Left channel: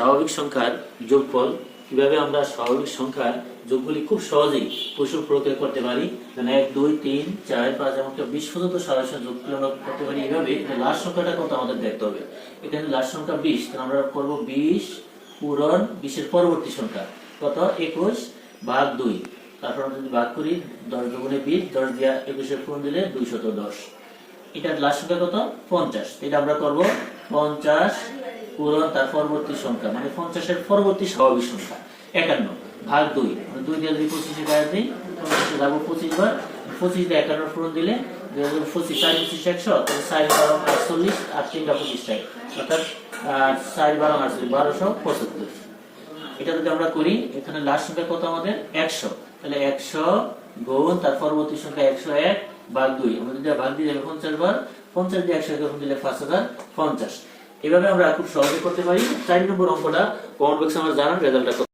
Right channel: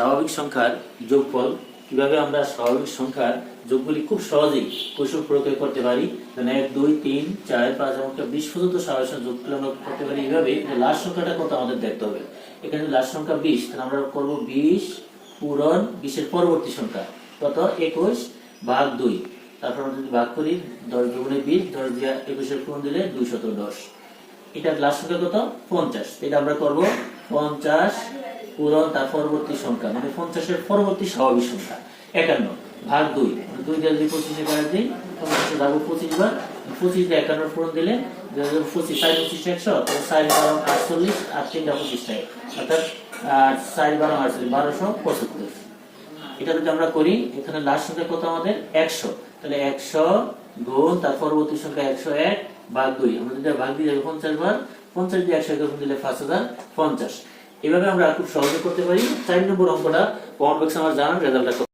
স্বাভাবিক সংখ্যার যোগফল কিভাবে আমরা স্বাভাবিক সংখ্যার যোগগুলি খুব সহজেই কৌশল প্রয়োগ করতে পারি। মানে 1 2 3 4 5 এমনকি 20 পর্যন্ত স্বাভাবিক সংখ্যা যোগফল আমরা করতে পারি। এইভাবে লাস্ট সংখ্যাটা কত আমাদের দেখতে হবে। এখানে লাস্ট সংখ্যা 20, তাহলে আমরা করব 20 পূরণ 20 এর পরবর্তী সংখ্যা কত 21 ভাগ 2। তারপর আমরা যদি ভাগ করি 10 দুগুণে 20, 10 দিয়া 21 এর পূরণ দিলে 210। এটা লাস্ট সংখ্যা কত 50। এটা আমরা করব 50 পূরণ তার পরবর্তী সংখ্যা মানে 50 এর পরবর্তী স্বাভাবিক সংখ্যা 51 ভাগ 2। 2 দিয়ে যদি 25 এ ভাগ দেই 25 যাবো 25 বার, 25 দিয়ে 51 পূরণ দিলে 25 4 25 100, তাহলে 4 12 48 আর 3 25 টাকা, অর্থাৎ 4 12 48 1275। এটা যদি আমরা করি এখানে লাস্ট সংখ্যা কত আমাদের 100, তাহলে 100 গুণ তার পরবর্তী সংখ্যা 101 ভাগ 2। আমরা যদি ভাগ দিয়ে যাবে 50 বার, 50 দিয়ে 100 গুণ দিলে 5050। এভাবে আমরা খুব সহজে করতে পারি। 4 নম্বর অঙ্কটা কমেন্ট বক্সে আমার জানান রেজাল্টটা।